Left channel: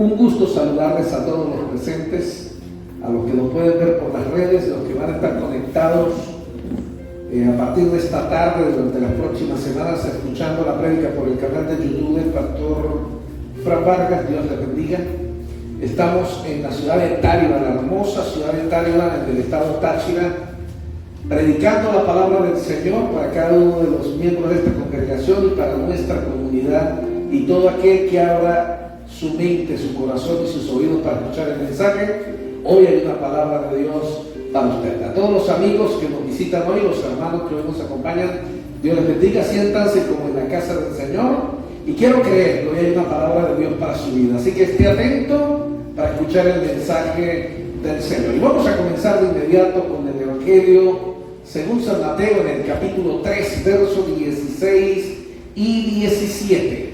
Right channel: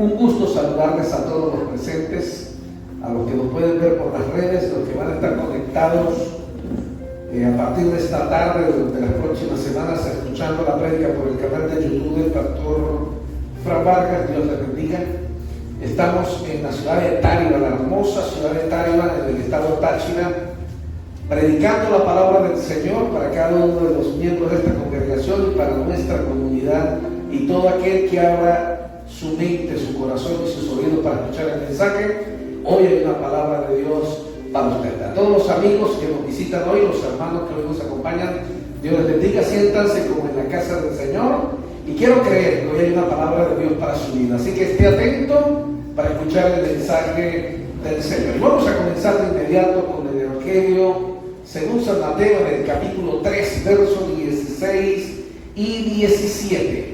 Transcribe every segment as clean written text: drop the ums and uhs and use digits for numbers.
Un gusto saludarles a todos los presentes, a los que nos pueden ver por las redes, los que van a estar conectados a partir de esta tarde, durante las próximas semanas, escuchando la prédica por el canal de YouTube del pastor Fran Vargas. Dios les bendiga. Estamos en la ciudad de Táriba, la hermosa ciudad de Táriba, en el estado Táchira, predicando la palabra del Señor para cada uno de los miembros de esta congregación y para nuestra comunidad y todo aquel que abra su mente, su corazón y sus oídos para escuchar el mensaje. Hoy hay una palabra de Dios para usted. A todos los amigos que nos visitan hoy, los hermanos que hoy nos acompañan, Dios les bendiga. Siéntanse como en la casa del Señor y quiero creer que hoy hay una palabra de Dios para su vida, así que esté atento para escuchar el mensaje del Señor. Y vamos a comenzar de inmediato con el Evangelio según San Mateo, en el capítulo 3, versos 16 y 17.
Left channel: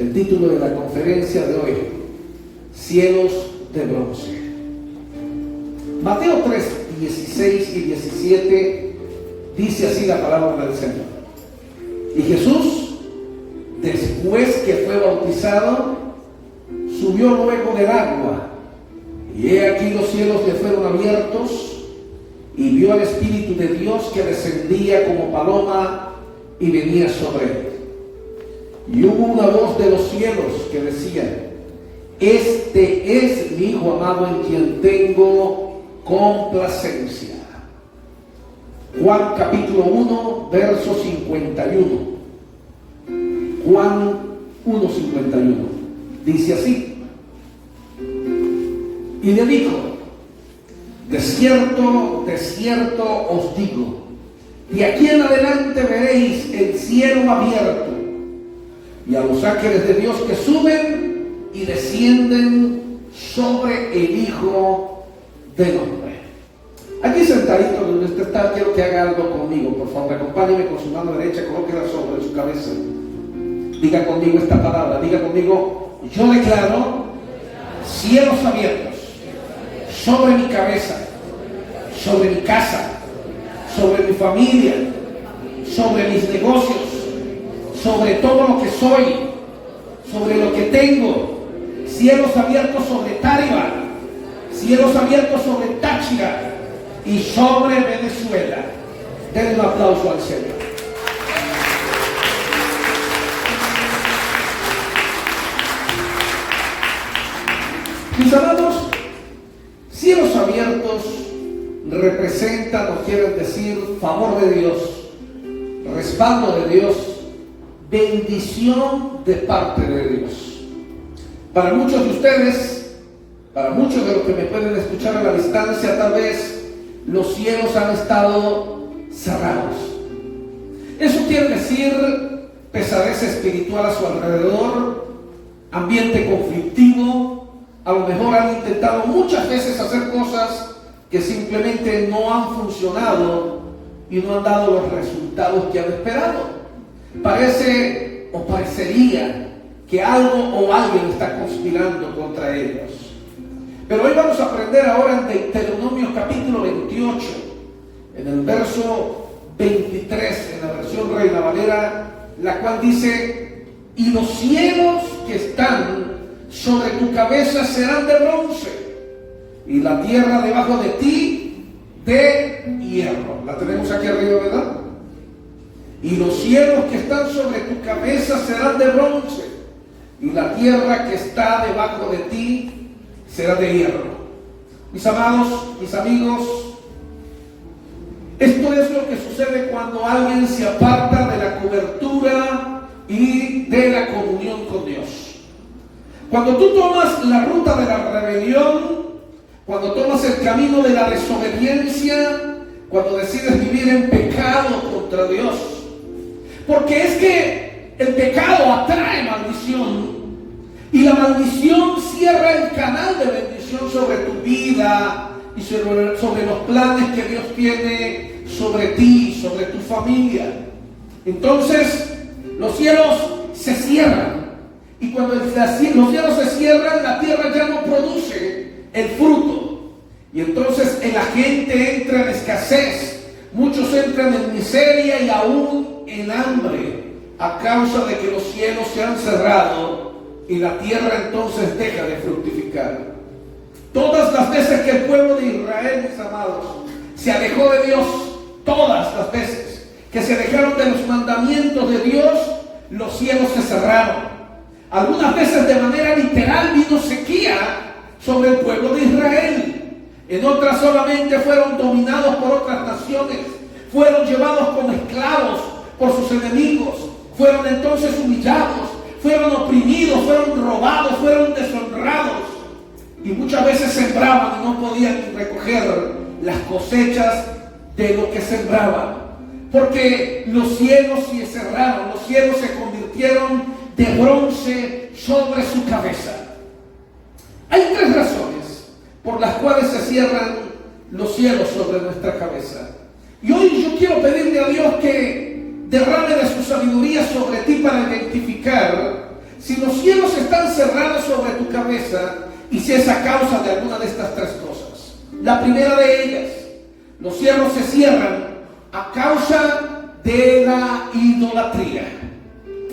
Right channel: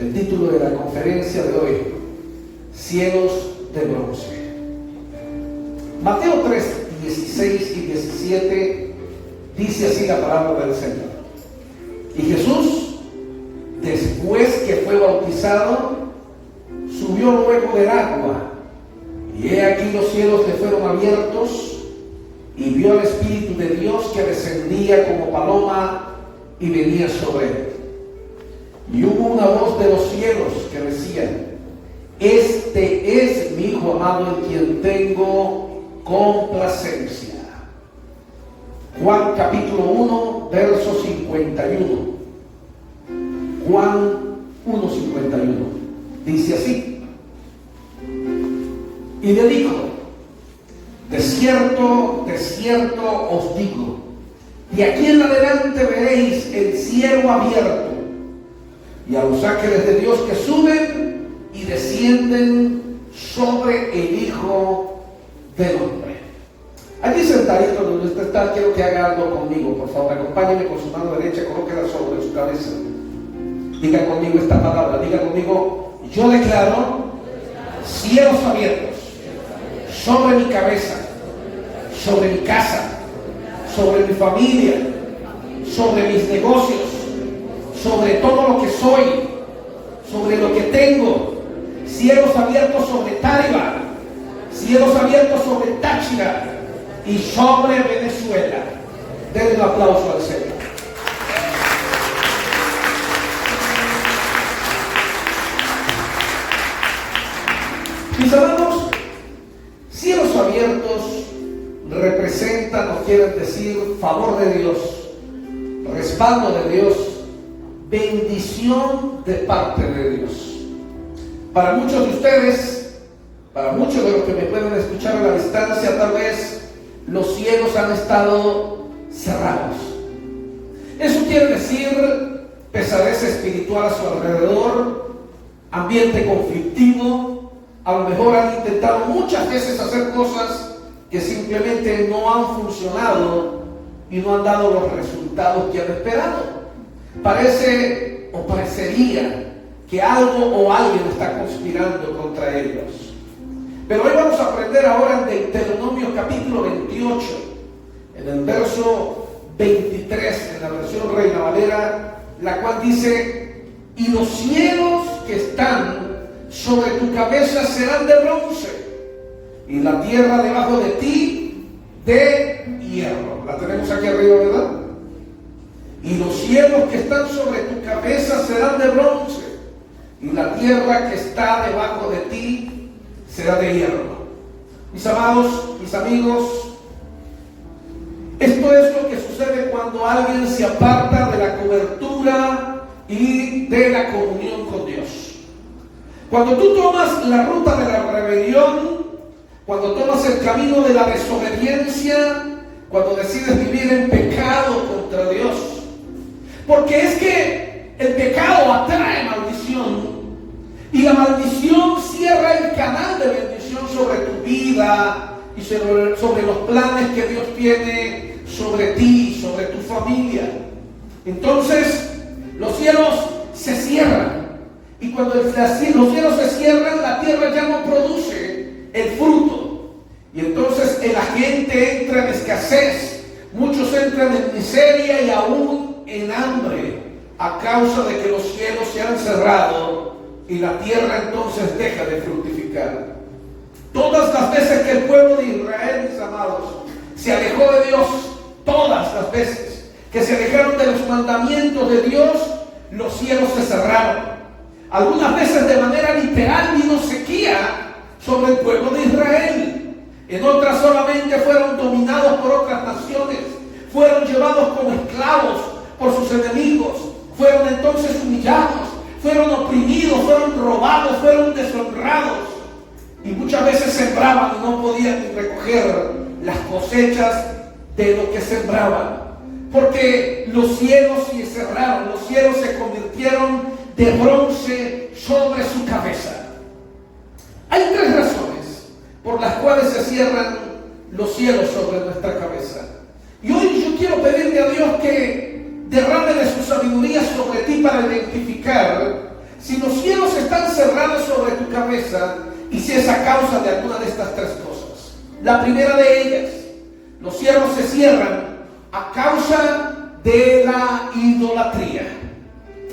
El título de la conferencia de hoy: Cielos de bronce. Mateo 3, 16 y 17 dice así la palabra del Señor. Y Jesús, después que fue bautizado, subió luego del agua, y he aquí los cielos le fueron abiertos, y vio al Espíritu de Dios que descendía como paloma y venía sobre él. Y hubo una voz de los cielos que decía: Este es mi Hijo amado en quien tengo complacencia. Juan capítulo 1, verso 51. Juan 1, 51. Dice así: Y le dijo: De cierto, de cierto os digo, y aquí en adelante veréis el cielo abierto, y a los ángeles de Dios que suben y descienden sobre el Hijo del Hombre. Aquí sentadito donde usted está, quiero que haga algo conmigo, por favor. Acompáñeme con su mano derecha, colóquela sobre su cabeza. Diga conmigo esta palabra, diga conmigo: yo declaro cielos abiertos sobre mi cabeza, sobre mi casa, sobre mi familia, sobre mis negocios, sobre todo lo que soy, sobre lo que tengo. Cielos abiertos sobre Táriba, cielos abiertos sobre Táchira y sobre Venezuela. Denle un aplauso al Señor. Mis amados, cielos abiertos representan o quieren decir favor de Dios, respaldo de Dios, bendición de parte de Dios. Para muchos de ustedes, para muchos de los que me pueden escuchar a la distancia, tal vez los cielos han estado cerrados. Eso quiere decir pesadez espiritual a su alrededor, ambiente conflictivo. A lo mejor han intentado muchas veces hacer cosas que simplemente no han funcionado y no han dado los resultados que han esperado. Parece o parecería que algo o alguien está conspirando contra ellos. Pero hoy vamos a aprender ahora en Deuteronomio capítulo 28, en el verso 23, en la versión Reina Valera, la cual dice: y los cielos que están sobre tu cabeza serán de bronce, y la tierra debajo de ti de hierro. La tenemos aquí arriba, ¿verdad? Y los cielos que están sobre tu cabeza serán de bronce, y la tierra que está debajo de ti será de hierro. Mis amados, mis amigos, esto es lo que sucede cuando alguien se aparta de la cobertura y de la comunión con Dios. Cuando tú tomas la ruta de la rebelión, cuando tomas el camino de la desobediencia, cuando decides vivir en pecado contra Dios. Porque es que el pecado atrae maldición, y la maldición cierra el canal de bendición sobre tu vida y sobre los planes que Dios tiene sobre ti, sobre tu familia. Entonces los cielos se cierran, y cuando los cielos se cierran, la tierra ya no produce el fruto, y entonces la gente entra en escasez, muchos entran en miseria y aún en hambre. a causa de que los cielos se han cerrado y la tierra entonces deja de fructificar. Todas las veces que el pueblo de Israel, mis amados, se alejó de Dios, todas las veces que se alejaron de los mandamientos de Dios, los cielos se cerraron. Algunas veces de manera literal vino sequía sobre el pueblo de Israel. En otras solamente fueron dominados por otras naciones, fueron llevados como esclavos por sus enemigos, fueron entonces humillados, fueron oprimidos, fueron robados, fueron deshonrados. Y muchas veces sembraban y no podían recoger las cosechas de lo que sembraban, porque los cielos se cerraron, los cielos se convirtieron de bronce sobre su cabeza. Hay tres razones por las cuales se cierran los cielos sobre nuestra cabeza. Y hoy yo quiero pedirle a Dios que derrame de su sabiduría sobre ti para identificar si los cielos están cerrados sobre tu cabeza y si es a causa de alguna de estas tres cosas. La primera de ellas, los cielos se cierran a causa de la idolatría.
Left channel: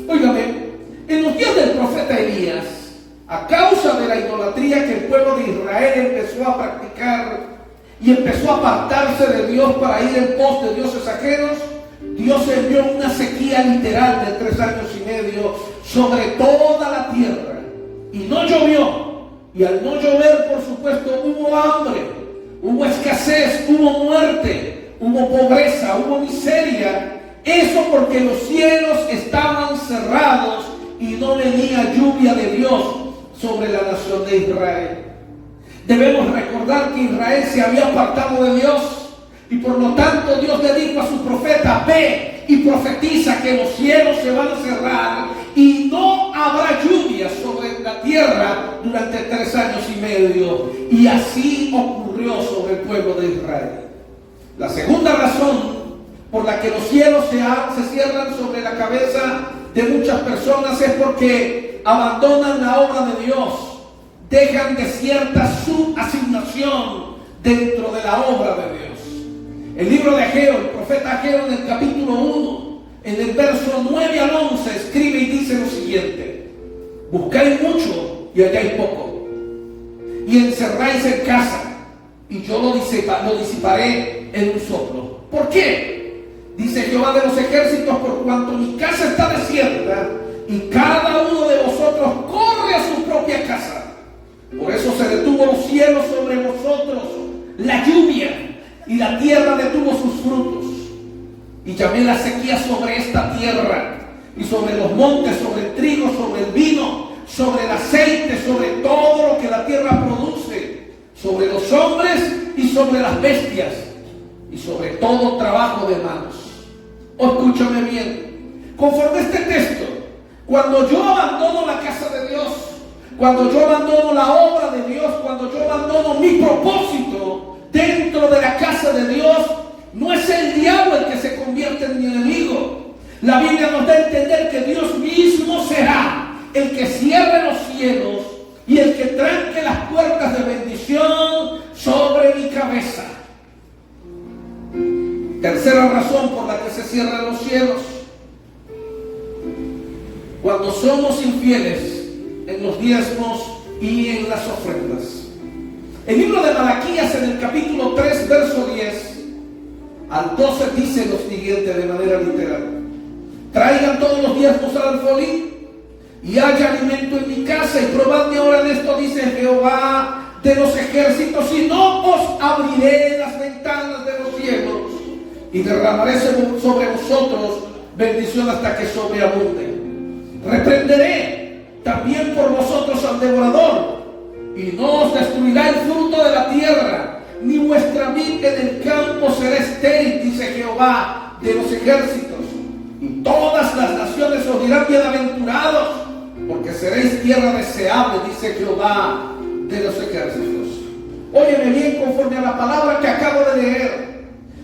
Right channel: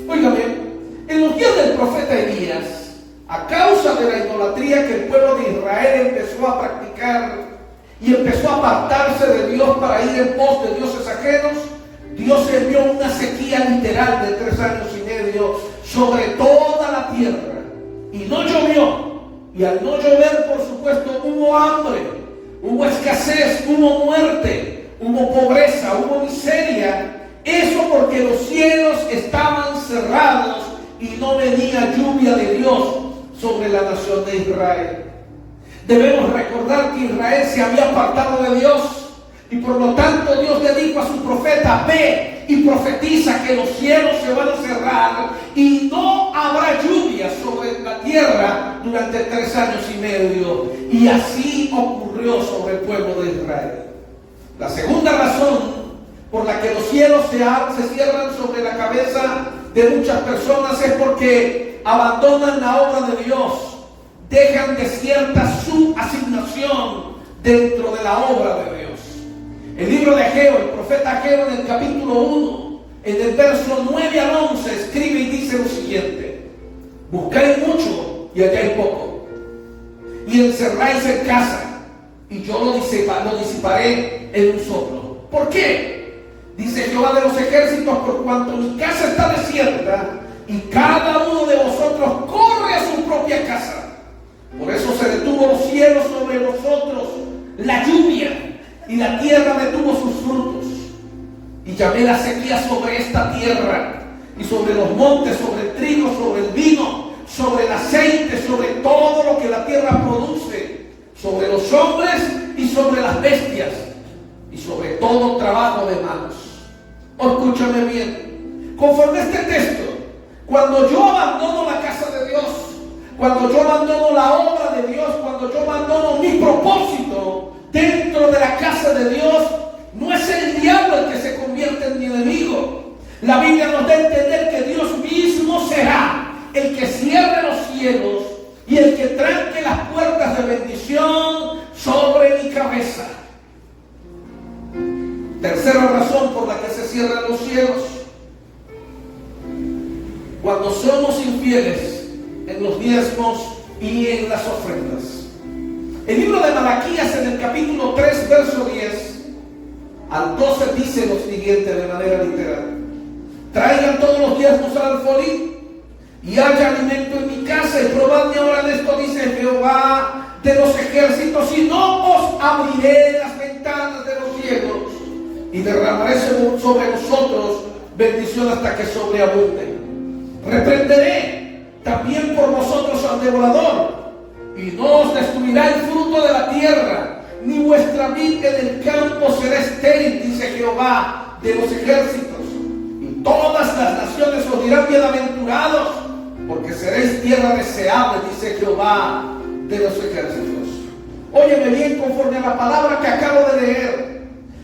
Óigame, en los días del profeta Elías, a causa de la idolatría que el pueblo de Israel empezó a practicar y empezó a apartarse de Dios para ir en pos de dioses ajenos, Dios envió una sequía literal de 3 años y medio sobre toda la tierra y no llovió. Y al no llover, por supuesto, hubo hambre, hubo escasez, hubo muerte, hubo pobreza, hubo miseria. Eso porque los cielos estaban cerrados y no venía lluvia de Dios sobre la nación de Israel. Debemos recordar que Israel se había apartado de Dios y por lo tanto Dios le dijo a su profeta: ve y profetiza que los cielos se van a cerrar y no habrá lluvia sobre la tierra durante 3 años y medio. Y así ocurrió sobre el pueblo de Israel. La segunda razón por la que los cielos se cierran sobre la cabeza de muchas personas es porque abandonan la obra de Dios, dejan desierta su asignación dentro de la obra de Dios. El libro de Ageo, el profeta Ageo, en el capítulo 1, en el verso 9 al 11, escribe y dice lo siguiente: buscáis mucho y halláis poco, y encerráis en casa, y yo lo disiparé en un soplo. ¿Por qué? Dice Jehová de los ejércitos: por cuanto mi casa está desierta y cada uno de vosotros corre a su propia casa. Por eso se detuvo los cielos sobre vosotros, la lluvia, y la tierra detuvo sus frutos. Y llamé la sequía sobre esta tierra, y sobre los montes, sobre el trigo, sobre el vino, sobre el aceite, sobre todo lo que la tierra produce, sobre los hombres y sobre las bestias, y sobre todo trabajo de manos. Escúchame bien, conforme a este texto, cuando yo abandono la casa de Dios, cuando yo abandono la obra de Dios, cuando yo abandono mi propósito dentro de la casa de Dios, no es el diablo el que se convierte en mi enemigo. La Biblia nos da a entender que Dios mismo será el que cierre los cielos y el que tranque las puertas de bendición sobre mi cabeza. Tercera razón por la que se cierran los cielos: cuando somos infieles en los diezmos y en las ofrendas. El libro de Malaquías, en el capítulo 3, verso 10 al 12, dice lo siguiente de manera literal: traigan todos los diezmos al alfolí y haya alimento en mi casa, y probadme ahora en esto, dice Jehová de los ejércitos, y no os abriré las ventanas de los cielos y derramaré sobre vosotros bendición hasta que sobreabunde. Reprenderé también por vosotros al devorador, y no os destruirá el fruto de la tierra, ni vuestra vid en el campo será estéril, dice Jehová de los ejércitos. Y todas las naciones os dirán: bienaventurados, porque seréis tierra deseable, dice Jehová de los ejércitos. Óyeme bien, conforme a la palabra que acabo de leer,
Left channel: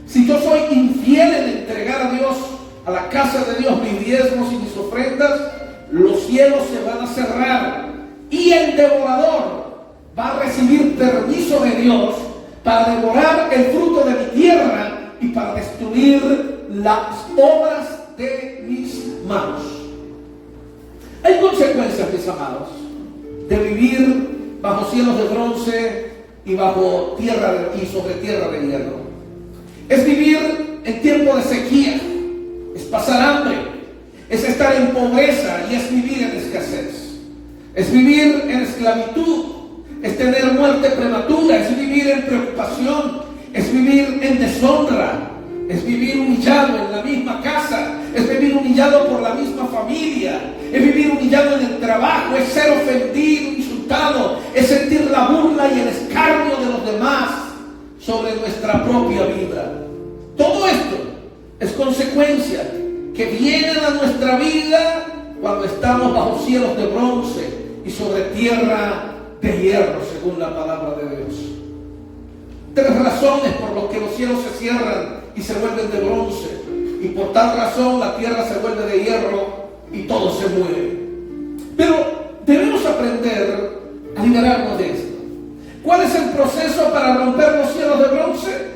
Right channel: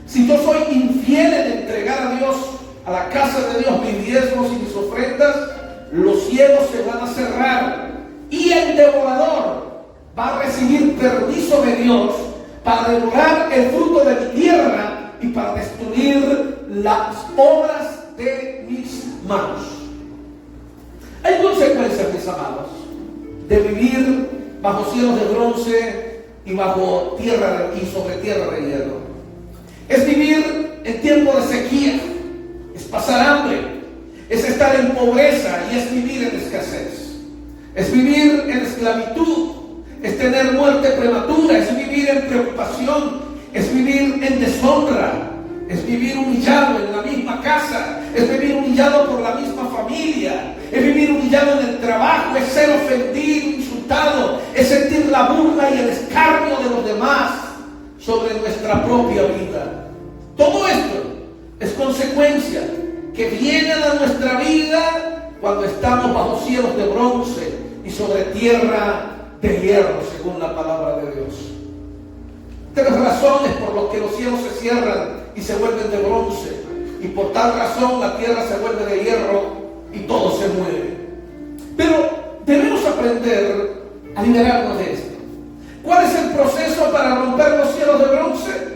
si yo soy infiel en entregar a Dios, a la casa de Dios, mis diezmos y mis ofrendas, los cielos se van a cerrar y el devorador va a recibir permiso de Dios para devorar el fruto de mi tierra y para destruir las obras de mis manos. mis amados, de vivir bajo cielos de bronce y bajo tierra y sobre tierra de hierro. Es vivir en tiempo de sequía, es pasar hambre, es estar en pobreza y es vivir en escasez. Es vivir en esclavitud, es tener muerte prematura, es vivir en preocupación, es vivir en deshonra, es vivir humillado en la misma casa, es vivir humillado por la misma familia, es vivir humillado en el trabajo, es ser ofendido, insultado, es sentir la burla y el escarnio de los demás sobre nuestra propia vida. Todo esto es consecuencia que vienen a nuestra vida cuando estamos bajo cielos de bronce y sobre tierra de hierro, según la palabra de Dios. 3 razones por las que los cielos se cierran y se vuelven de bronce, y por tal razón la tierra se vuelve de hierro y todo se mueve. Pero debemos aprender a liberarnos de esto. ¿Cuál es el proceso para romper los cielos de bronce?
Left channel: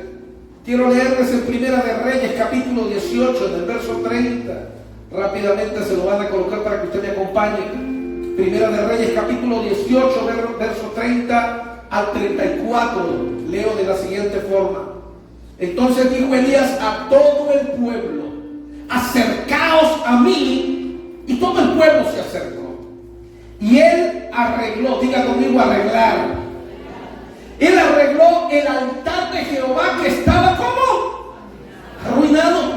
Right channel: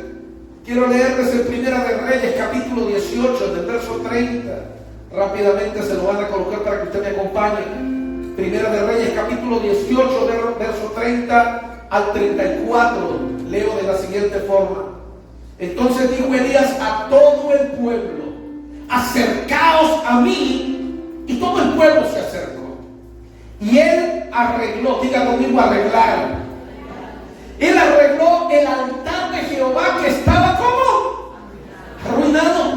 Quiero leerles en Primera de Reyes, capítulo 18, del verso 30. Rápidamente se lo van a colocar para que usted me acompañe. Primera de Reyes, capítulo 18, verso 30 al 34. Leo de la siguiente forma. Entonces dijo Elías a todo el pueblo: acercaos a mí. Y todo el pueblo se acercó. Y él arregló, diga conmigo, arreglar. Él arregló el altar de Jehová que estaba como arruinado.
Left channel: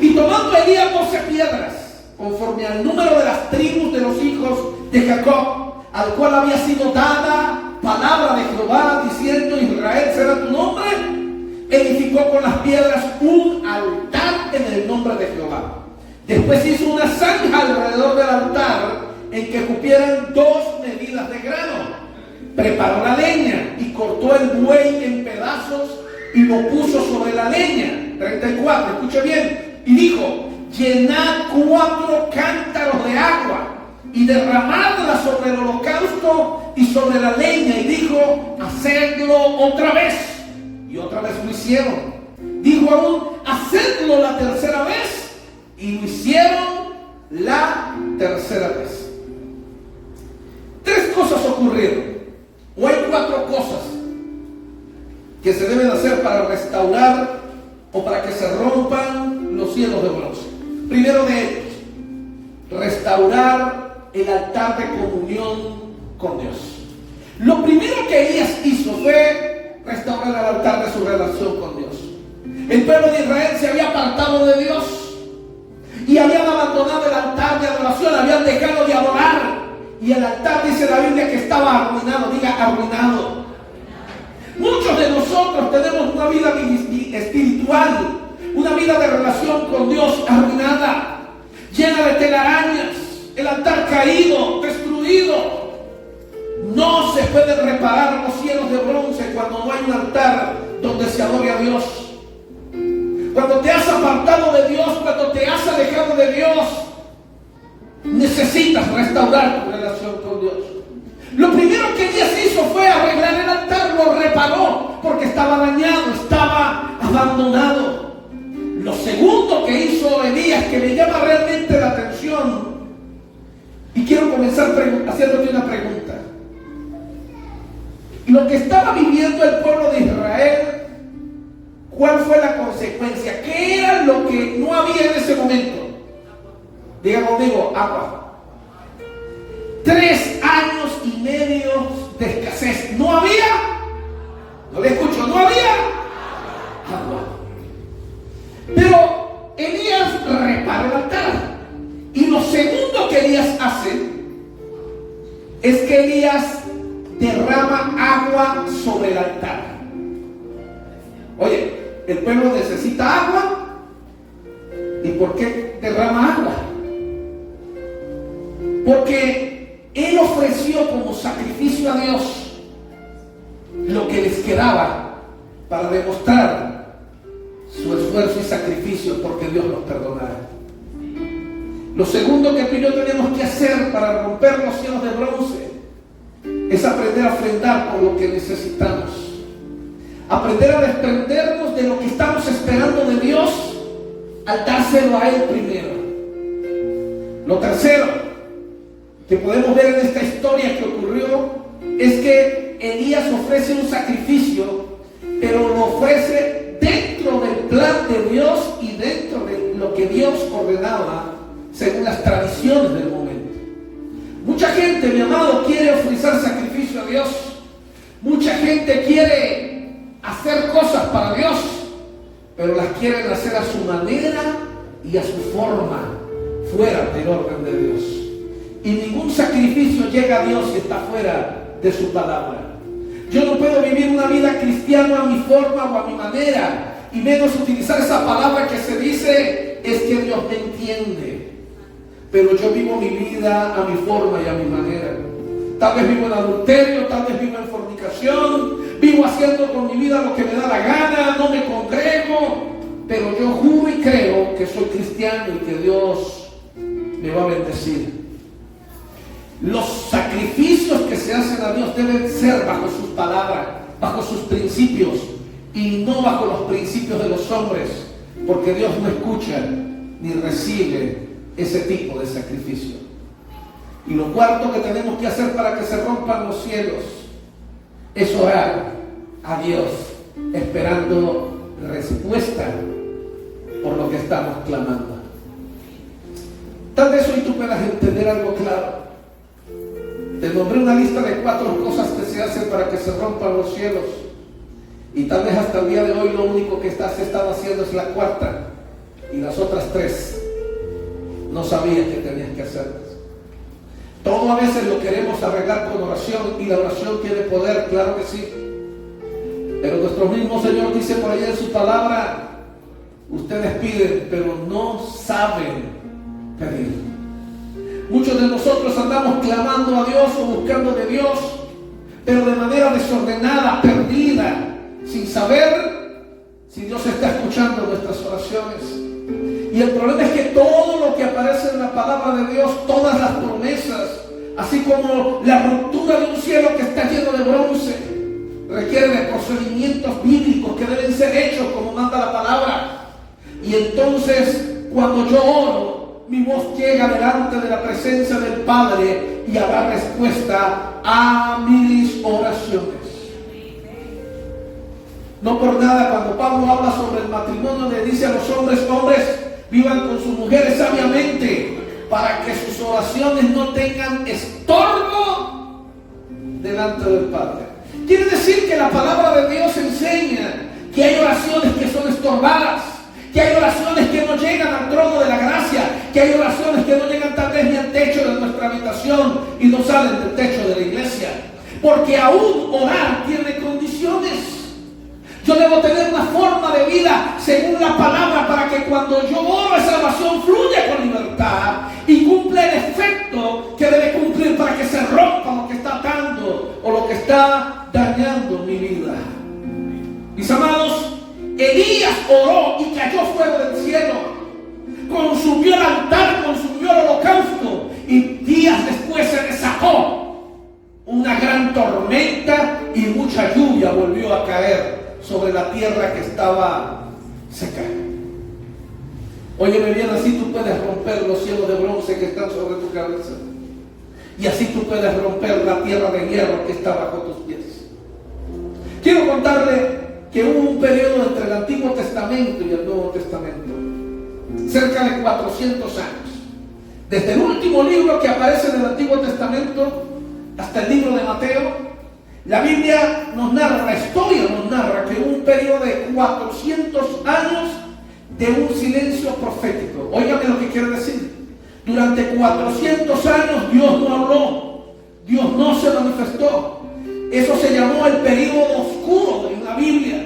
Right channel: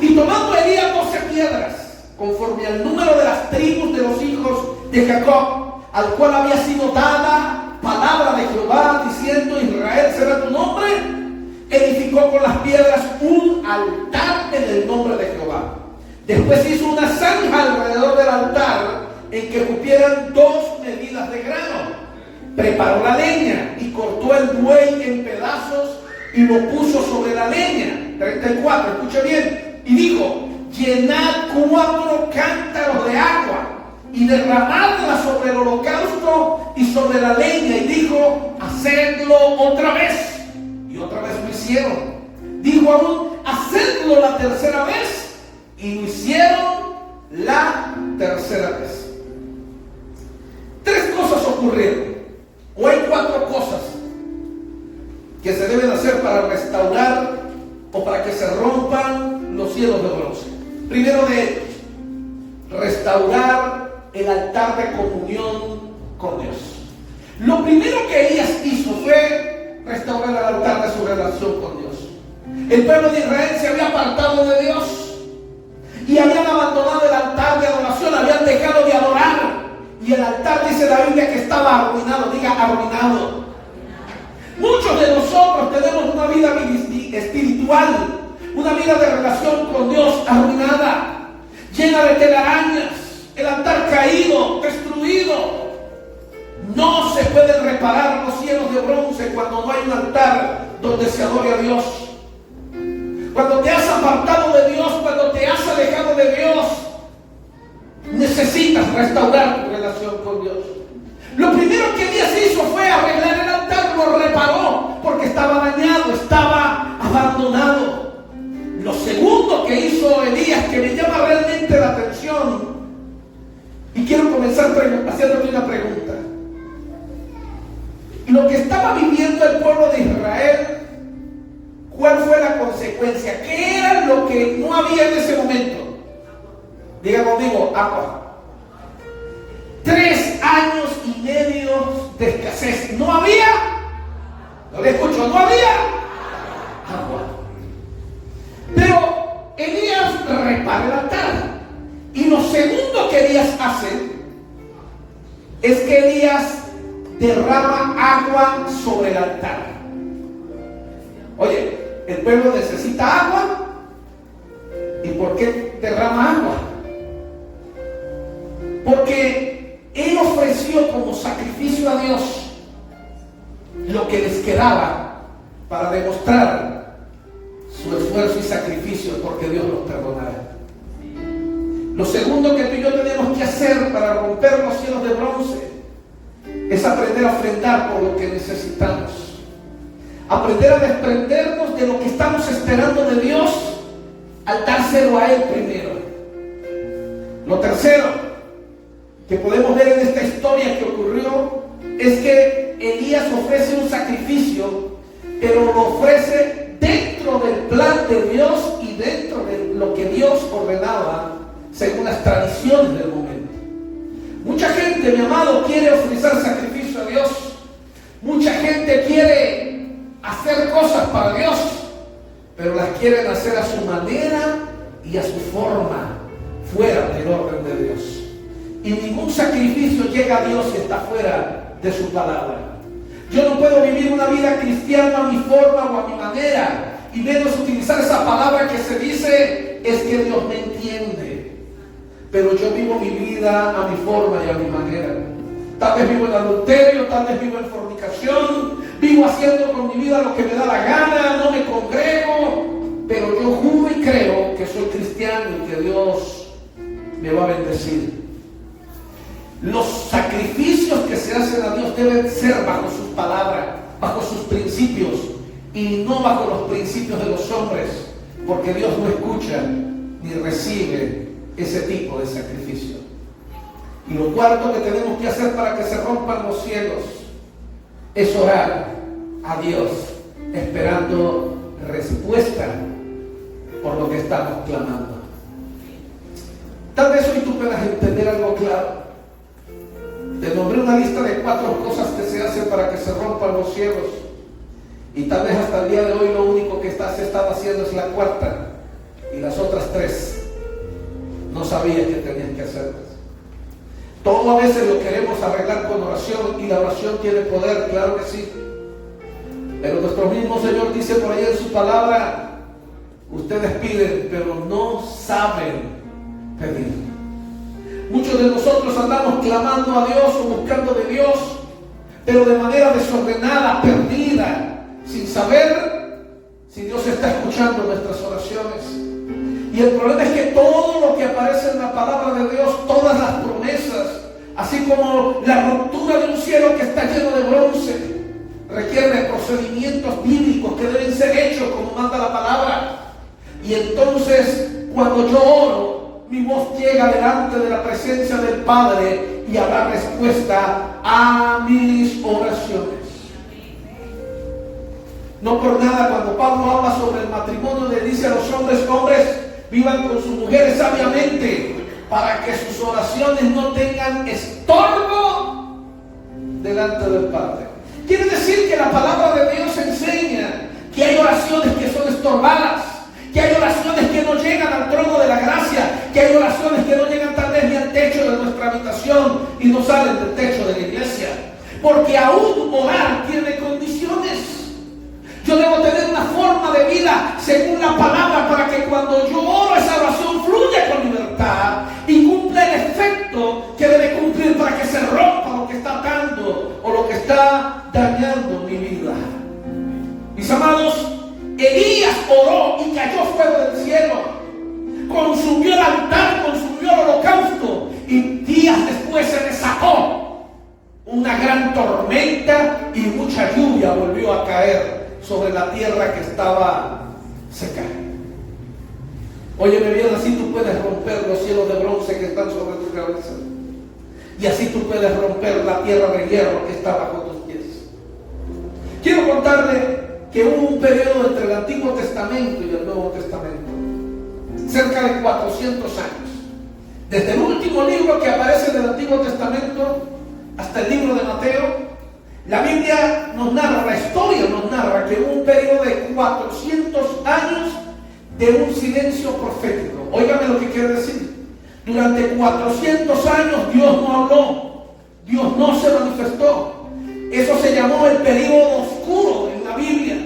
Y tomando Elías 12 piedras, conforme al número de las tribus de los hijos de Jacob, al cual había sido dada palabra de Jehová, diciendo: Israel será tu nombre, edificó con las piedras un altar en el nombre de Jehová. Después hizo una zanja alrededor del altar en que cupieran 2 medidas de grano. Preparó la leña y cortó el buey en pedazos y lo puso sobre la leña. 34, escuche bien. Y dijo: llenad 4 cántaros de agua y derramadla sobre el holocausto y sobre la leña. Y dijo: hacedlo otra vez. Y otra vez lo hicieron. Dijo aún: hacedlo la tercera vez. Y lo hicieron la tercera vez. 3 cosas ocurrieron. O hay 4 cosas que se deben hacer para restaurar o para que se rompan los cielos de bronce. Primero de ellos, restaurar el altar de comunión con Dios. Lo primero que Elías hizo fue restaurar el altar de su relación con Dios. El pueblo de Israel se había apartado de Dios y habían abandonado el altar de adoración, habían dejado de adorar. Y el altar, dice la Biblia, que estaba arruinado. Diga, arruinado. Muchos de nosotros tenemos una vida espiritual, una vida de relación con Dios arruinada, llena de telarañas, el altar caído, destruido. No se pueden reparar los cielos de bronce cuando no hay un altar donde se adore a Dios. Cuando te has apartado de Dios, cuando te has alejado de Dios, necesitas restaurar tu relación con Dios. Lo primero que Elías hizo fue arreglar el altar, lo reparó porque estaba dañado, estaba abandonado. Lo segundo que hizo Elías, que me llama realmente la atención, y quiero comenzar haciéndote una pregunta. Lo que estaba viviendo el pueblo de Israel, ¿cuál fue la consecuencia? ¿Qué era lo que no había en ese momento? Diga conmigo, agua. 3 años y medio de escasez. ¿No había? No le escucho, ¿no había? Agua. Pero Elías repara el altar. Y lo segundo que Elías hace es que Elías derrama agua sobre el altar. Oye, el pueblo necesita agua. ¿Y por qué derrama agua? Porque él ofreció como sacrificio a Dios lo que les quedaba para demostrar su esfuerzo y sacrificio, porque Dios los perdonará. Lo segundo que tú y yo tenemos que hacer para romper los cielos de bronce es aprender a ofrendar por lo que necesitamos. Aprender a desprendernos de lo que estamos esperando de Dios al dárselo a Él primero. Lo tercero, que podemos ver en esta historia que ocurrió es que Elías ofrece un sacrificio, pero lo ofrece dentro del plan de Dios y dentro de lo que Dios ordenaba según las tradiciones del momento. Mucha gente, mi amado, quiere ofrecer sacrificio a Dios. Mucha gente quiere hacer cosas para Dios, pero las quieren hacer a su manera y a su forma, fuera del orden de Dios. Y ningún sacrificio llega a Dios si está fuera de su palabra. Yo no puedo vivir una vida cristiana a mi forma o a mi manera, y menos utilizar esa palabra que se dice, es que Dios me entiende. Pero yo vivo mi vida a mi forma y a mi manera. Tal vez vivo en adulterio, tal vez vivo en fornicación, vivo haciendo con mi vida lo que me da la gana, no me congrego, pero yo juro y creo que soy cristiano y que Dios me va a bendecir. Los sacrificios que se hacen a Dios deben ser bajo sus palabras, bajo sus principios, y no bajo los principios de los hombres, porque Dios no escucha ni recibe ese tipo de sacrificio. Y lo cuarto que tenemos que hacer para que se rompan los cielos es orar a Dios, esperando respuesta por lo que estamos clamando. Tal vez hoy tú puedas entender algo claro. Te nombré una lista de 4 cosas que se hacen para que se rompan los cielos, y tal vez hasta el día de hoy lo único que se estaba haciendo es la cuarta, y las otras 3 no sabías que tenías que hacerlas. Todo a veces lo queremos arreglar con oración, y la oración tiene poder, claro que sí, pero nuestro mismo Señor dice por allá en su palabra: ustedes piden, pero no saben pedir. Muchos de nosotros andamos clamando a Dios o buscando de Dios, pero de manera desordenada, perdida, sin saber si Dios está escuchando nuestras oraciones. Y el problema es que todo lo que aparece en la palabra de Dios, todas las promesas, así como la ruptura de un cielo que está lleno de bronce, requiere de procedimientos bíblicos que deben ser hechos como manda la palabra. Y entonces, cuando yo oro, mi voz llega delante de la presencia del Padre y habrá respuesta a mis oraciones. No por nada, cuando Pablo habla sobre el matrimonio, le dice a los hombres: hombres, vivan con sus mujeres sabiamente, para que sus oraciones no tengan estorbo delante del Padre. Quiere decir que la palabra de Dios enseña que hay oraciones que son estorbadas, que hay oraciones que no llegan al trono de la gracia, que hay oraciones que no llegan tal vez ni al techo de nuestra habitación y no salen del techo de la iglesia, porque aún orar tiene condiciones. Yo debo tener una forma de vida según la palabra, para que cuando yo oro, esa oración fluya con libertad y cumpla el efecto que debe cumplir, para que se rompa lo que está atando o lo que está dañando mi vida. Mis amados, Elías oró y cayó fuego del cielo, consumió el altar, consumió el holocausto, y días después se desató una gran tormenta y mucha lluvia volvió a caer sobre la tierra que estaba seca. Óyeme bien, así tú puedes romper los cielos de bronce que están sobre tu cabeza, y así tú puedes romper la tierra de hierro que está bajo tus pies. Quiero contarle que hubo un periodo entre el Antiguo Testamento y el Nuevo Testamento, cerca de 400 años, desde el último libro que aparece en el Antiguo Testamento hasta el libro de Mateo. La Biblia nos narra, la historia nos narra que hubo un periodo de 400 años de un silencio profético. Óigame lo que quiero decir. Durante 400 años Dios no habló, Dios no se manifestó. Eso se llamó el periodo oscuro en la Biblia,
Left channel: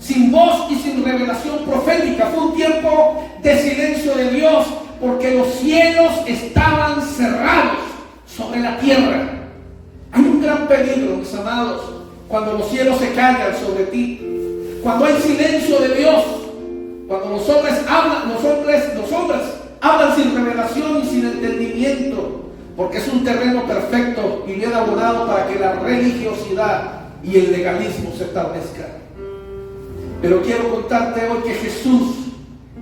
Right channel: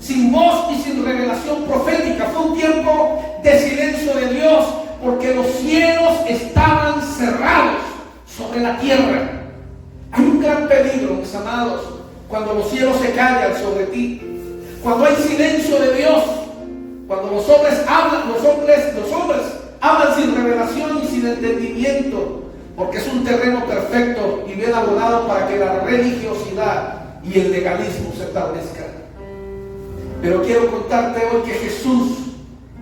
sin voz y sin revelación profética. Fue un tiempo de silencio de Dios, porque los cielos estaban cerrados sobre la tierra. Hay un gran peligro, mis amados, cuando los cielos se callan sobre ti, cuando hay silencio de Dios, cuando los hombres hablan sin revelación y sin entendimiento, porque es un terreno perfecto y bien abonado para que la religiosidad y el legalismo se establezcan. Pero quiero contarte hoy que Jesús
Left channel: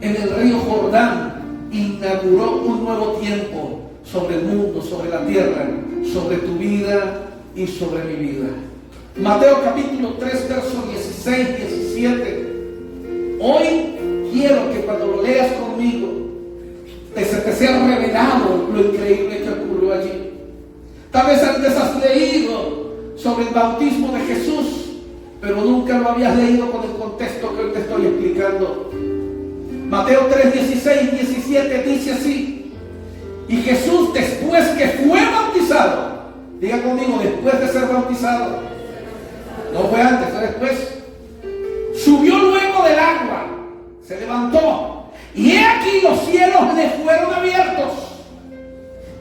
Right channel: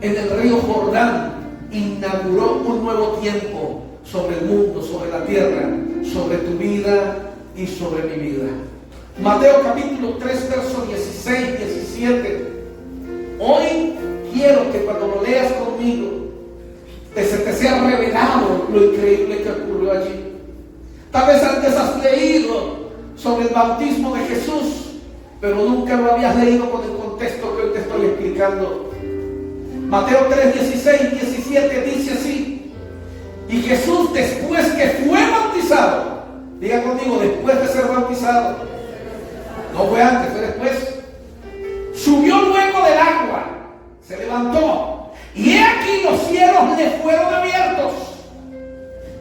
en el río Jordán inauguró un nuevo tiempo sobre el mundo, sobre la tierra, sobre tu vida y sobre mi vida. Mateo capítulo 3, versos 16, 17. Hoy quiero que cuando lo leas conmigo, se te sea revelado lo increíble que ocurrió allí. Tal vez antes has leído sobre el bautismo de Jesús, pero nunca lo habías leído con el contexto que hoy te estoy explicando. Mateo 3, 16, 17 dice así: y Jesús, después que fue bautizado, diga conmigo, después de ser bautizado, no fue antes, fue después, subió luego del agua, se levantó, y he aquí los cielos le fueron abiertos,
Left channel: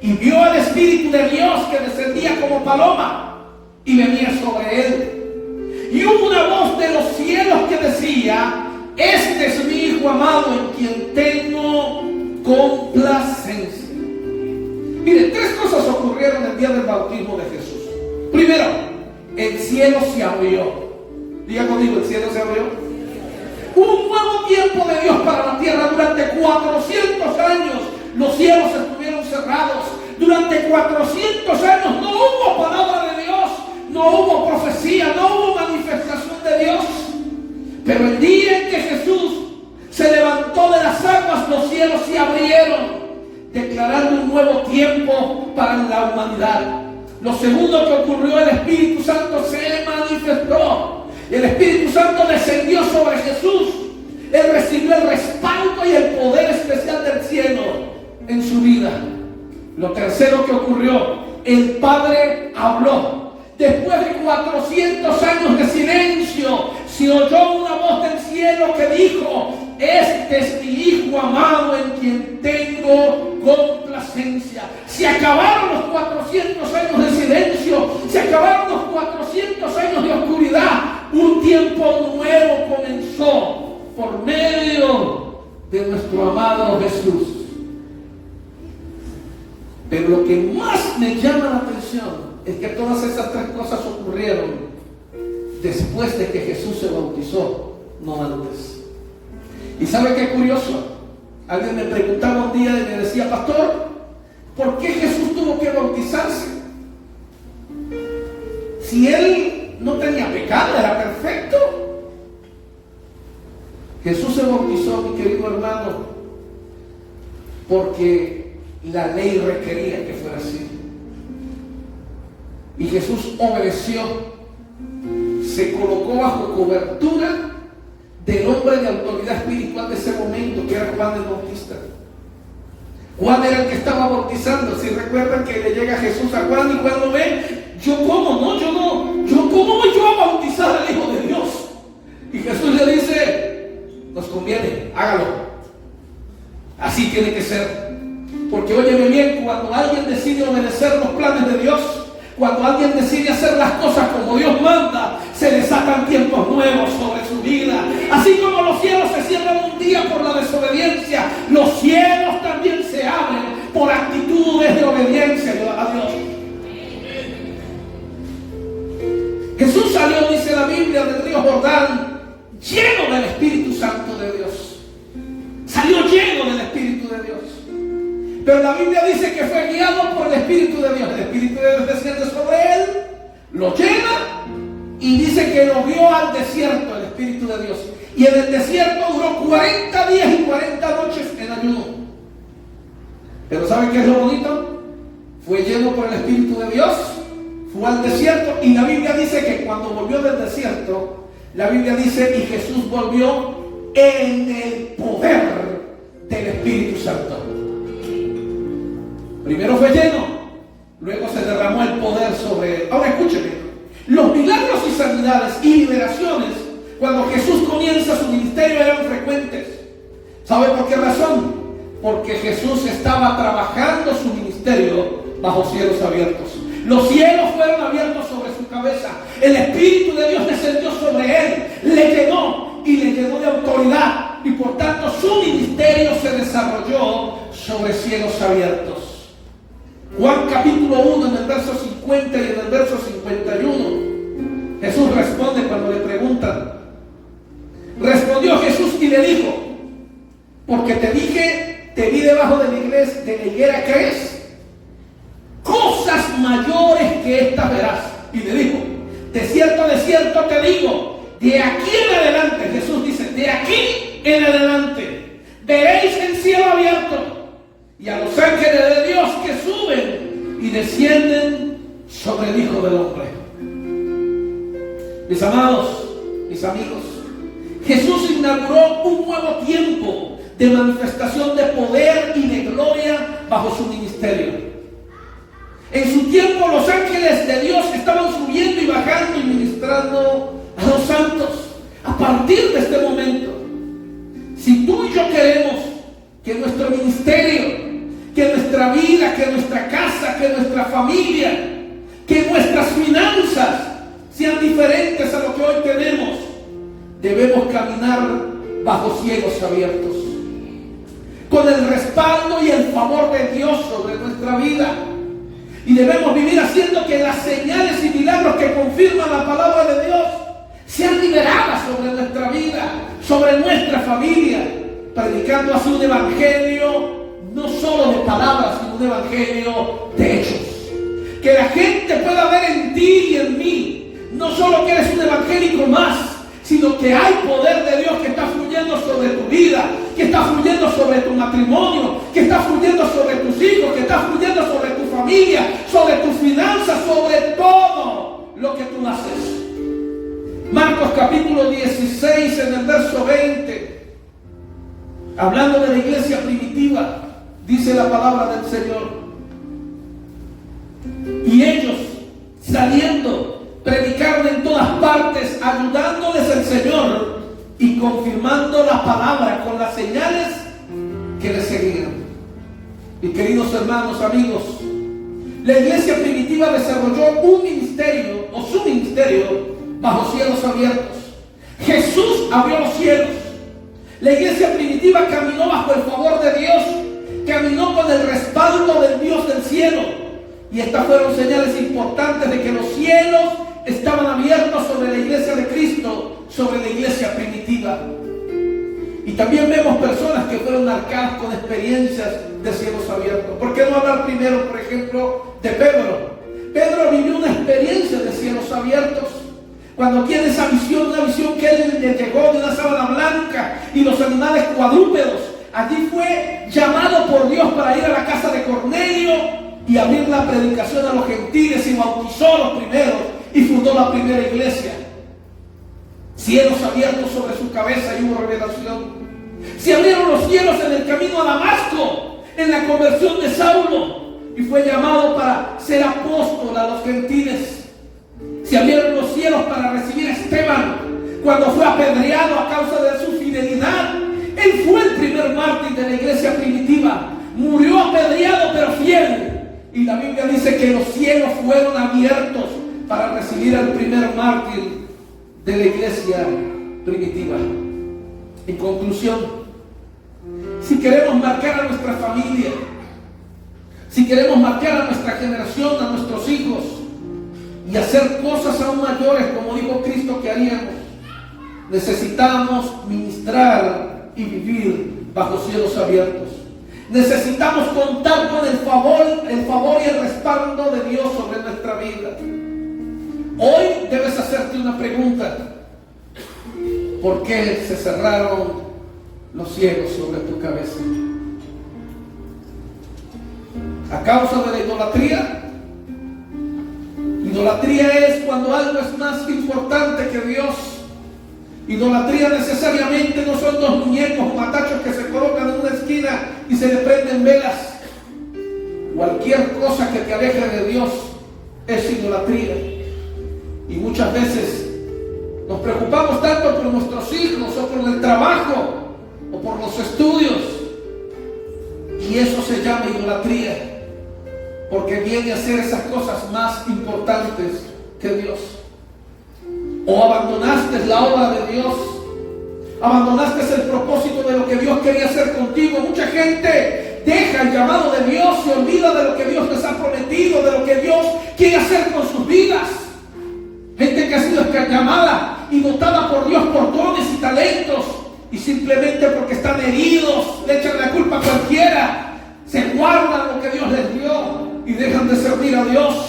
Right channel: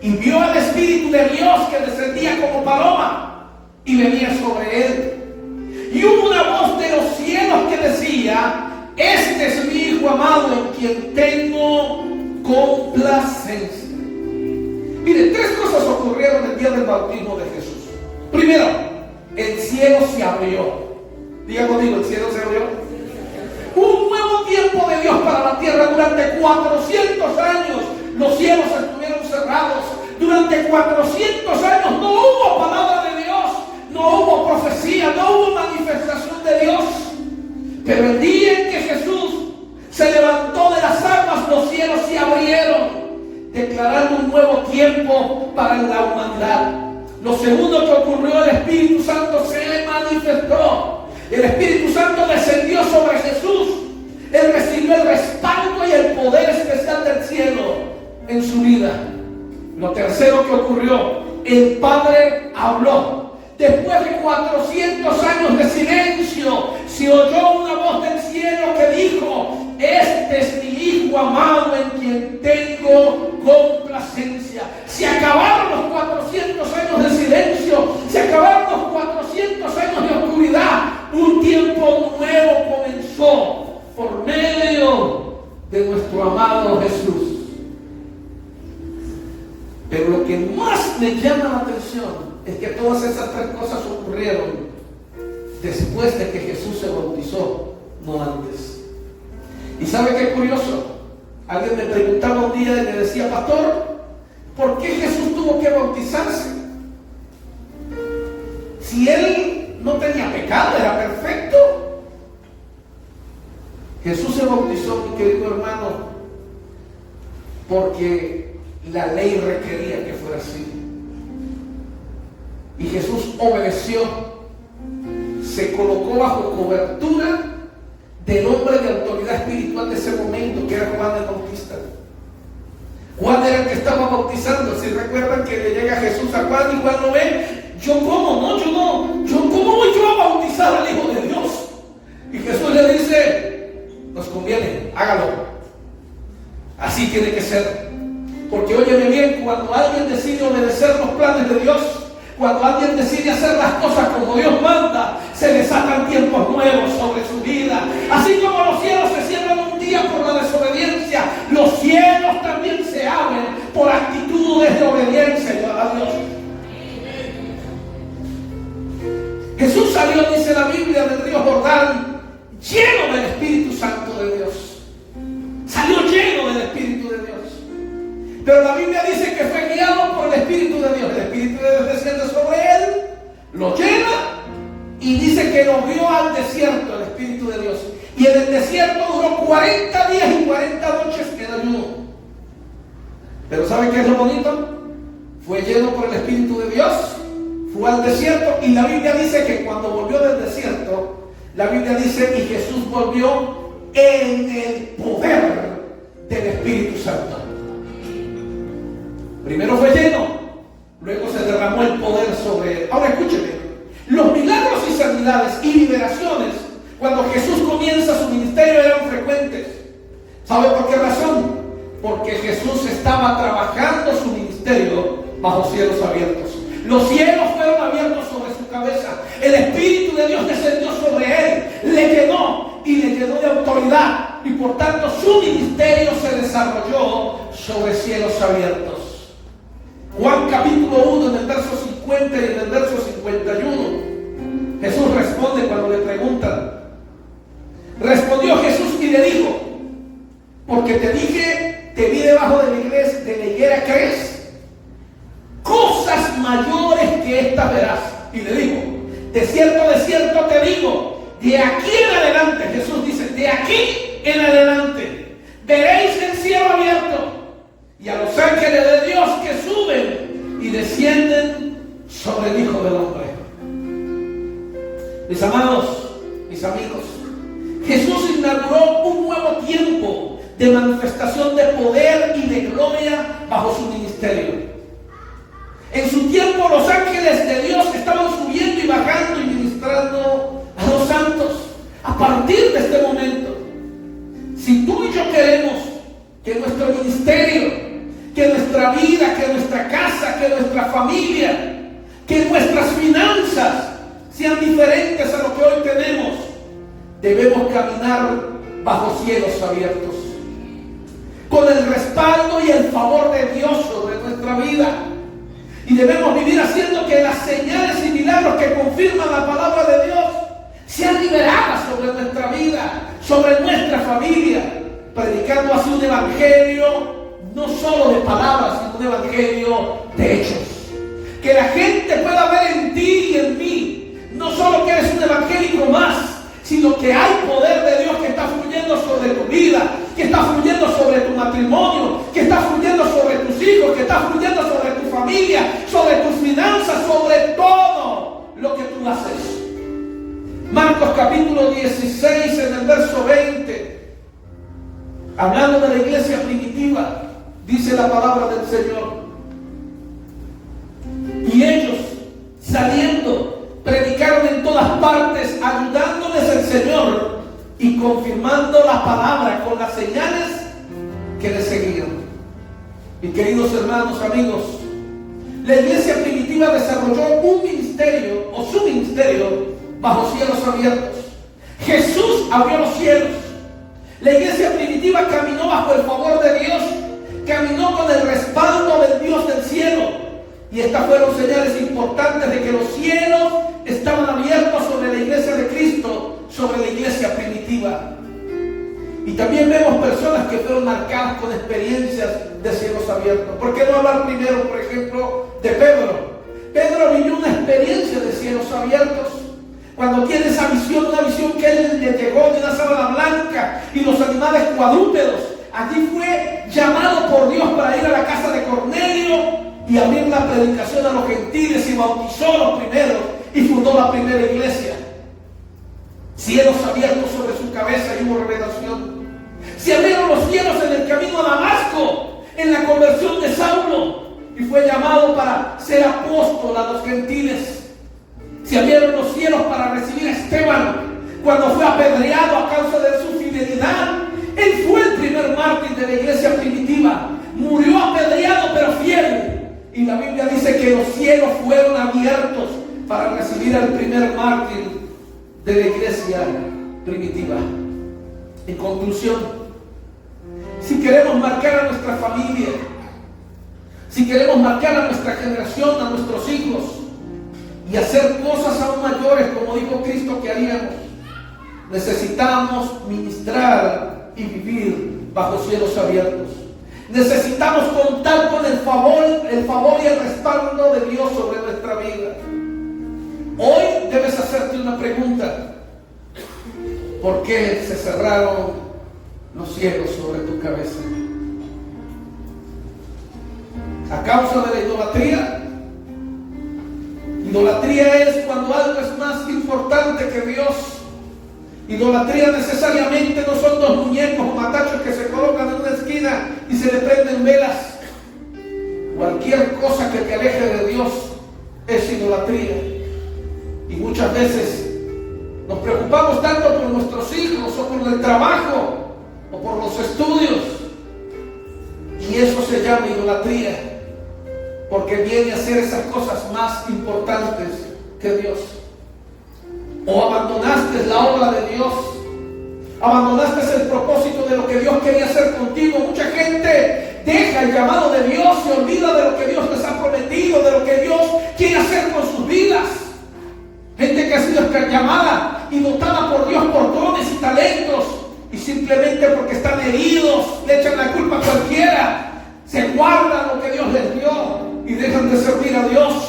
y vio al Espíritu de Dios que descendía como paloma y venía sobre él. Y hubo una voz de los cielos que decía: este es mi Hijo amado en quien tengo complacencia. Mire, tres cosas ocurrieron el día del bautismo de Jesús. Primero, el cielo se abrió. Diga conmigo, el cielo se abrió. Un nuevo tiempo de Dios para la tierra. Durante 400 años los cielos estuvieron cerrados. Durante 400 años no hubo palabra de Dios, no hubo profecía, no hubo manifestación de Dios. Pero el día en que Jesús se levantó de las aguas, los cielos se abrieron, declarando un nuevo tiempo para la humanidad. Lo segundo que ocurrió, el Espíritu Santo se manifestó. El Espíritu Santo descendió sobre Jesús. Él recibió el respaldo y el poder especial del cielo en su vida. Lo tercero que ocurrió, el Padre habló. Después de 400 años de silencio, se oyó una voz del cielo que dijo: este es mi Hijo amado en quien tengo complacencia. Se acabaron los 400 años de silencio, se acabaron los 400 años de oscuridad. Un tiempo nuevo comenzó por medio de nuestro amado Jesús. Pero lo que más me llama la atención es que todas esas tres cosas ocurrieron después de que Jesús se bautizó, no antes. ¿Y sabe qué curioso? Alguien me preguntaba un día y me decía: pastor, ¿por qué Jesús tuvo que bautizarse? Si él no tenía pecado, era perfecto. Jesús se bautizó, mi querido hermano, porque la ley requería que fuera así. Y Jesús obedeció, se colocó bajo cobertura del hombre de autoridad espiritual de ese momento, que era Juan el Bautista. Juan era el que estaba bautizando. Si recuerdan que le llega Jesús a Juan y Juan lo ve: ¿cómo voy yo a bautizar al Hijo de Dios? Y Jesús le dice: nos conviene, hágalo. Así tiene que ser. Porque óyeme bien, cuando alguien decide obedecer los planes de Dios, cuando alguien decide hacer las cosas como Dios manda, se le sacan tiempos nuevos sobre su vida. Así como los cielos se cierran un día por la desobediencia, los cielos también se abren por actitudes de obediencia a Dios. Jesús salió, dice la Biblia, del río Jordán, lleno del Espíritu Santo de Dios. Salió lleno del Espíritu de Dios. Pero la Biblia dice que fue guiado por el Espíritu de Dios. El Espíritu de Dios desciende sobre él, lo llena y dice que lo guió al desierto, el Espíritu de Dios. Y en el desierto duró 40 días y 40 noches en ayuno. Pero ¿saben qué es lo bonito? Fue lleno por el Espíritu de Dios, fue al desierto, y la Biblia dice que cuando volvió del desierto, la Biblia dice: y Jesús volvió en el poder del Espíritu Santo. Primero fue lleno, luego se derramó el poder sobre él. Ahora escúcheme, los milagros y sanidades y liberaciones cuando Jesús comienza su ministerio eran frecuentes. ¿Sabe por qué razón? Porque Jesús estaba trabajando su ministerio bajo cielos abiertos. Los cielos fueron abiertos sobre su cabeza. El Espíritu de Dios descendió sobre él, le llenó y le llenó de autoridad. Y por tanto su ministerio se desarrolló sobre cielos abiertos. Juan capítulo 1, en el verso 50 y en el verso 51, Jesús responde cuando le preguntan. Respondió Jesús y le dijo: porque te dije, te vi debajo de la higuera, ¿crees? de cierto te digo, de aquí en adelante, Jesús dice, de aquí en adelante, veréis el cielo abierto y a los ángeles de Dios que suben y descienden sobre el Hijo del Hombre. Mis amados, mis amigos, Jesús inauguró un nuevo tiempo de manifestación de poder y de gloria bajo su ministerio. En su tiempo los ángeles de Dios estaban subiendo y bajando y ministrando a los santos. A partir de este momento, si tú y yo queremos que nuestro ministerio, que nuestra vida, que nuestra casa, que nuestra familia, que nuestras finanzas sean diferentes a lo que hoy tenemos, debemos caminar bajo cielos abiertos, con el respaldo y el favor de Dios sobre nuestra vida. Y debemos vivir haciendo que las señales y milagros que confirman la palabra de Dios sean liberadas sobre nuestra vida, sobre nuestra familia, predicando así un evangelio no solo de palabras, sino un evangelio de hechos. Que la gente pueda ver en ti y en mí, no solo que eres un evangélico más, sino que hay poder de Dios que está fluyendo sobre tu vida, que está fluyendo sobre tu matrimonio, que está fluyendo sobre tus hijos, que está fluyendo sobre tu familia, sobre tus finanzas, sobre todo lo que tú haces. Marcos capítulo 16 en el verso 20, hablando de la iglesia primitiva, dice la palabra del Señor: y ellos saliendo predicaron en todas partes, ayudándoles el Señor y confirmando la palabra con las señales que les seguían. Y queridos hermanos, amigos, la iglesia primitiva desarrolló un ministerio o su ministerio bajo cielos abiertos. Jesús abrió los cielos. La iglesia primitiva caminó bajo el favor de Dios, caminó con el respaldo del Dios del cielo. Y estas fueron señales importantes de que los cielos estaban abiertos sobre la iglesia de Cristo, sobre la iglesia primitiva. Y también vemos personas que fueron marcadas con experiencias de cielos abiertos. ¿Por qué no hablar primero, por ejemplo, de Pedro? Pedro vivió una experiencia de cielos abiertos. Cuando tiene esa visión, una visión que él le llegó de una sábana blanca y los animales cuadrúpedos. Allí fue llamado por Dios para ir a la casa de Cornelio y abrir la predicación a los gentiles y bautizó a los primeros y fundó la primera iglesia. Cielos abiertos sobre su cabeza y hubo revelación. Se abrieron los cielos en el camino a Damasco, en la conversión de Saulo, y fue llamado para ser apóstol a los gentiles. Se abrieron los cielos para recibir a Esteban cuando fue apedreado a causa de su fidelidad. Él fue el primer mártir de la iglesia primitiva. Murió apedreado pero fiel. Y la Biblia dice que los cielos fueron abiertos para recibir al primer mártir de la iglesia primitiva. En conclusión, si queremos marcar a nuestra familia, si queremos marcar a nuestra generación, a nuestros hijos, y hacer cosas aún mayores, como dijo Cristo que haríamos, necesitamos ministrar y vivir bajo cielos abiertos. Necesitamos contar con el favor y el respaldo de Dios sobre nuestra vida. Hoy debes hacerte una pregunta: ¿por qué se cerraron los cielos sobre tu cabeza? ¿A causa de la idolatría? Idolatría es cuando algo es más importante que Dios. Idolatría necesariamente no son dos muñecos matachos que se colocan en una esquina y se le prenden velas. Cualquier cosa que te aleje de Dios es idolatría. Y muchas veces nos preocupamos tanto por nuestros hijos o por el trabajo o por los estudios. Y eso se llama idolatría, porque viene a ser esas cosas más importantes que Dios. O abandonaste la obra de Dios, abandonaste el propósito de lo que Dios quería hacer contigo. Mucha gente deja el llamado de Dios, se olvida de lo que Dios les ha prometido, de lo que Dios quiere hacer con sus vidas. Gente que ha sido llamada y dotada por Dios por dones y talentos, y simplemente porque están heridos le echan la culpa a cualquiera, se guardan lo que Dios les dio y dejan de servir a Dios.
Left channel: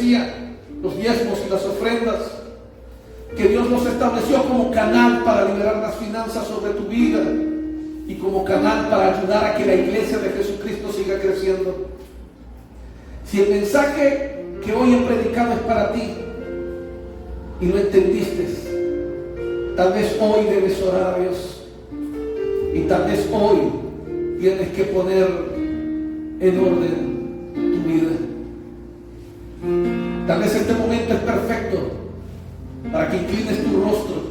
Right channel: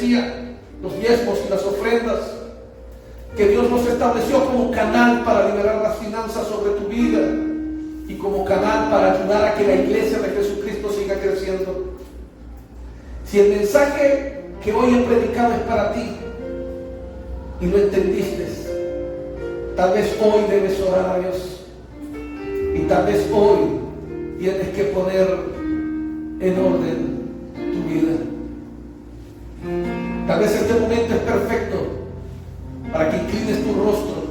decía, los diezmos y las ofrendas, que Dios nos estableció como canal para liberar las finanzas sobre tu vida y como canal para ayudar a que la iglesia de Jesucristo siga creciendo. Si el mensaje que hoy he predicado es para ti y lo entendiste, tal vez hoy debes orar a Dios y tal vez hoy tienes que poner en orden tu vida. Tal vez este momento es perfecto para que inclines tu rostro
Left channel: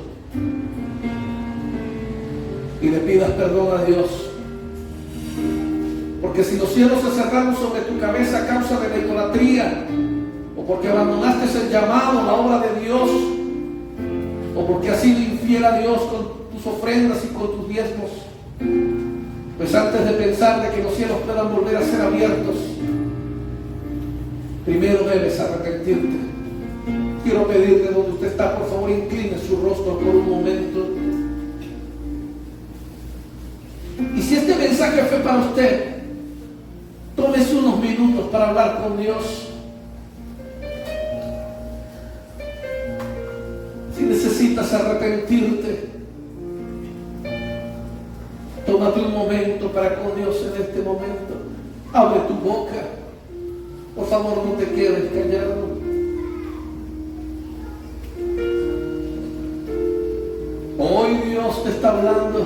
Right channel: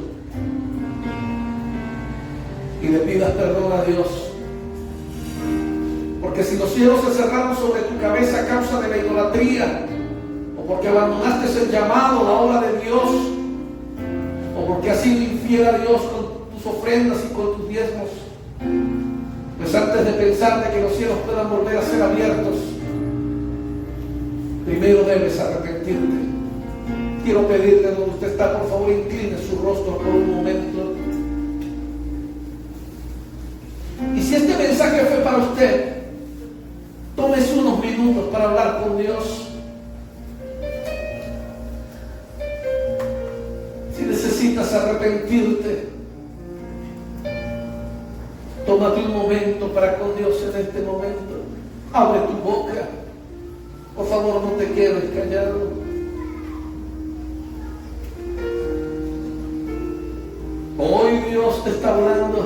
y le pidas perdón a Dios. Porque si los cielos se cerraron sobre tu cabeza a causa de la idolatría, o porque abandonaste el llamado, la obra de Dios, o porque has sido infiel a Dios con tus ofrendas y con tus diezmos, pues antes de pensar de que los cielos puedan volver a ser abiertos, primero debes arrepentirte. Quiero pedirle donde usted está, por favor, incline su rostro por un momento. Y si este mensaje fue para usted, tómese unos minutos para hablar con Dios. Si necesitas arrepentirte, tómate un momento para con Dios en este momento. Abre tu boca. Por favor, no te quedes callado. Hoy Dios te está hablando,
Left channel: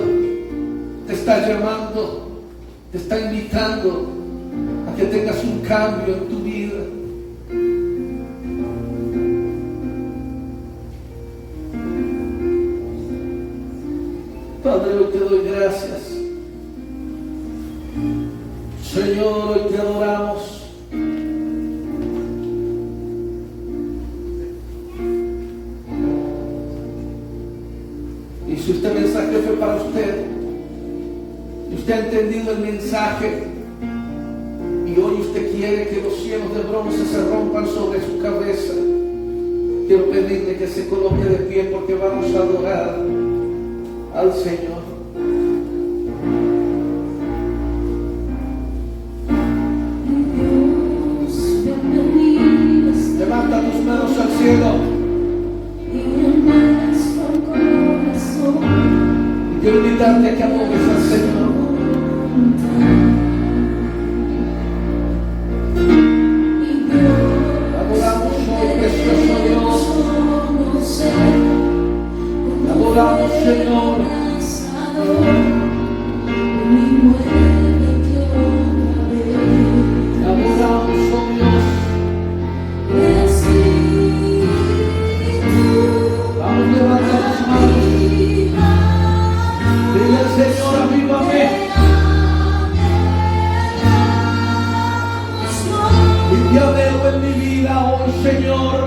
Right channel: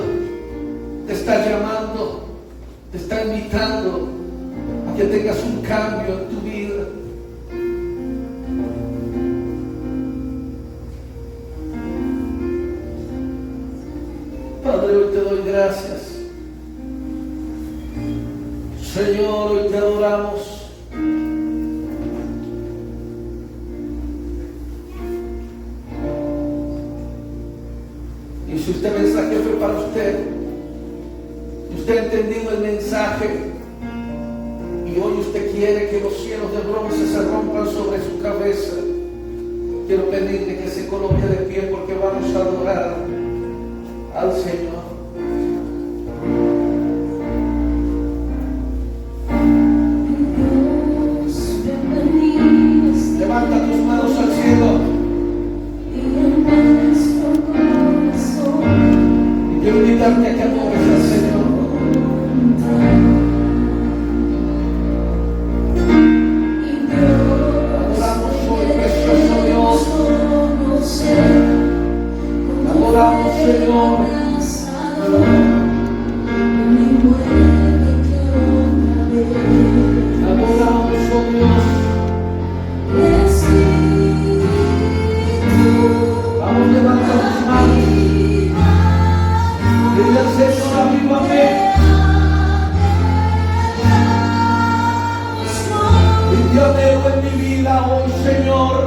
te está llamando, te está invitando a que tengas un cambio en tu vida. Padre, hoy te doy gracias. Señor, hoy te adoramos. Y si este mensaje fue para usted, y usted ha entendido el mensaje, y hoy usted quiere que los cielos de bronce se rompan sobre su cabeza, quiero pedirle que se coloque de pie porque vamos a adorar al Señor. Levanta tus manos al cielo. Quiero invitarte a que adores al Señor. Adoramos hoy, precioso Dios. Adoramos, Señor. Adoramos, oh Dios. Vamos, levanta las manos. Dile al Señor, avívame. Y te anhelo en mi vida hoy, Señor.